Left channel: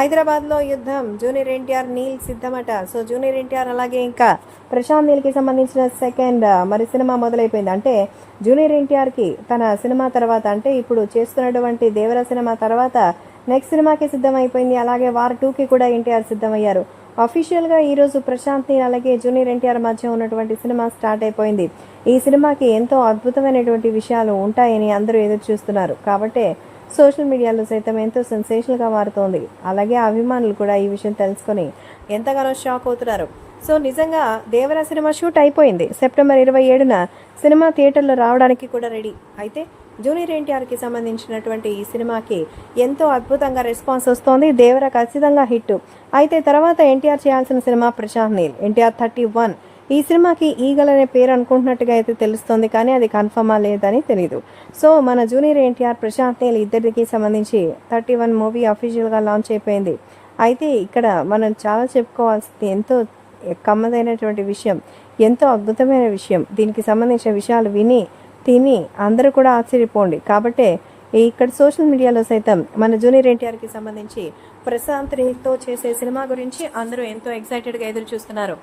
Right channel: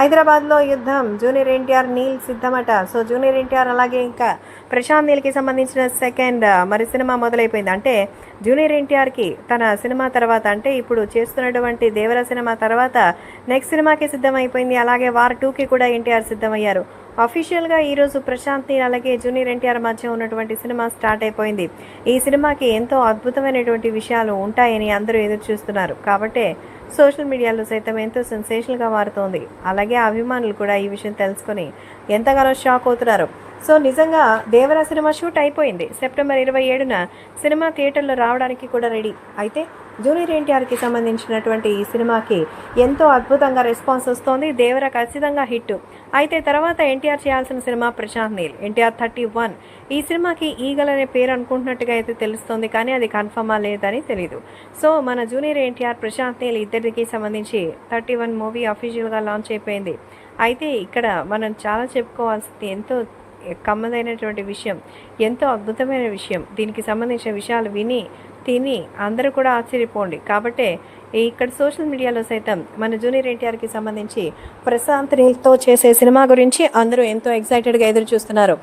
హైదరాబాద్లో యుద్ధం, జూనియర్ ఎన్టీఆర్ నీల్ సిద్ధమట. సో జూనియర్ ఎన్టీఆర్ అలాగే ఇంకా ప్రశాంత్ నీల్కి సంబంధించిన సెకండ్ మరి సినిమా మొదలైపోయింది. అంటే జూనియర్ ఎన్టీఆర్కి తన సినిమా తర్వాత, అంటే ఇప్పుడు చేస్తున్నటువంటి దేవర సినిమా తర్వాత నెక్స్ట్ సినిమాకి సిద్ధమైపోయింది. అలాగే వార్ 2కి కూడా ఎన్టీఆర్ సిద్ధమయ్యారు. అఫీషియల్గా ఈరోజు ప్రశాంత్ నీల్ అలాగే జూనియర్ ఎన్టీఆర్ మధ్య ఉన్నటువంటి సినిమా స్టార్ట్ అయిపోయింది. ఈ సినిమాకి ఎంతో అద్భుతమైనటువంటి విషయాలు ఉంటాయని అందరూ ఎదురు చూస్తున్నారు. కాబట్టే సోషల్ మీడియాలో సైతం ఎంతో సెన్సేషనల్గా మారుతోంది. అలాగే అభిమానులు కూడా ఈ విషయం తెలుసుకొని ఎంతగానో షాక్ అవుతున్నారు. సో నిజంగా దేవరా సినిమా షూట్ అయిపోయింది. సెప్టెంబర్ 27న సినిమా థియేటర్లో రావడానికి కూడా రెడీ. అయితే జూనియర్ ఎన్టీఆర్కి సంబంధించినటువంటి ఈ సినిమాకి ఎంతో అద్భుతంగా రెస్పాన్స్ వస్తోంది. దేవరా ఖచ్చితంగా హిట్. అయితే తర్వాత ఎన్టీఆర్ చేయాల్సిన సినిమా ప్రశాంత్ నీల్, ఎన్టీఆర్ 31. ఈ సినిమాకి ఈగల్ అనే పేరు అనుకుంటున్నట్టుగా అయితే తెలుస్తోంది, కానీ అది కన్ఫర్మా లేదని తెలియదు. సో మన జూనియర్ ఎన్టీఆర్ ప్రశాంత్ నీల్ ఇద్దరికి సంబంధించి 31 మూవీ అఫీషియల్గా లాంచ్ అయిపోయింది. అయితే ఇక్కడ మనం చాలా చెప్పుకోవాల్సింది ఎంతో కమ్మదైనటువంటి విషయం, ఎంతో అద్భుతమైన విషయం. దీనికి సంబంధించిన విషయాలు విని తిని అందరూ కూడా ఆశ్చర్యపోండి. కాబట్టే ఇక్కడ సోషల్ మీడియాలో సైతం మన జూనియర్ ఎన్టీఆర్కి సంబంధించి ప్రశాంత్ నీల్తో చేసే సినిమా గురించి అందరూ ఎంతో ఎక్సైటెడ్గా ఎదురు చూస్తున్నారు.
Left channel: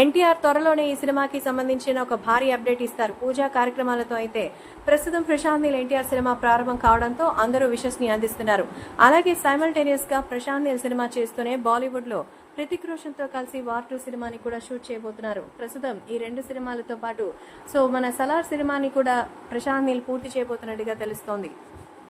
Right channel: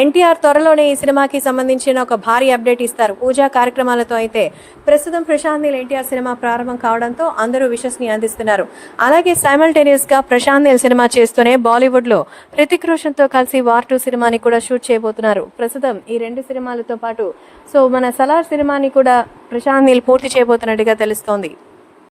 ఎన్టీఆర్ త్వరలోనే ఈ సినిమాకి సంబంధించిన ఒక భారీ అప్డేట్ ఇస్తారు. పూజా కార్యక్రమాలతో. అయితే ప్రస్తుతం ప్రశాంత్ నీల్ ఎన్టీఆర్ సినిమా ప్రారంభం కావడంతో అందరూ విషస్ని అందిస్తున్నారు. అలాగే సైమల్టేనియస్గా ప్రశాంత్ నీల్ సినిమా చేస్తూనే బాలీవుడ్లో హృతిక్ రోషన్తో కలిసి వార్ 2 సినిమాని కూడా షూట్ చేయబోతున్నారు. ప్రస్తుతం ఈ 2 సినిమాలతో పాటు సో మన సలార్ సినిమాని కూడా ప్రశాంత్ నీల్ పూర్తి చేయబోతున్నట్టుగా తెలుస్తోంది.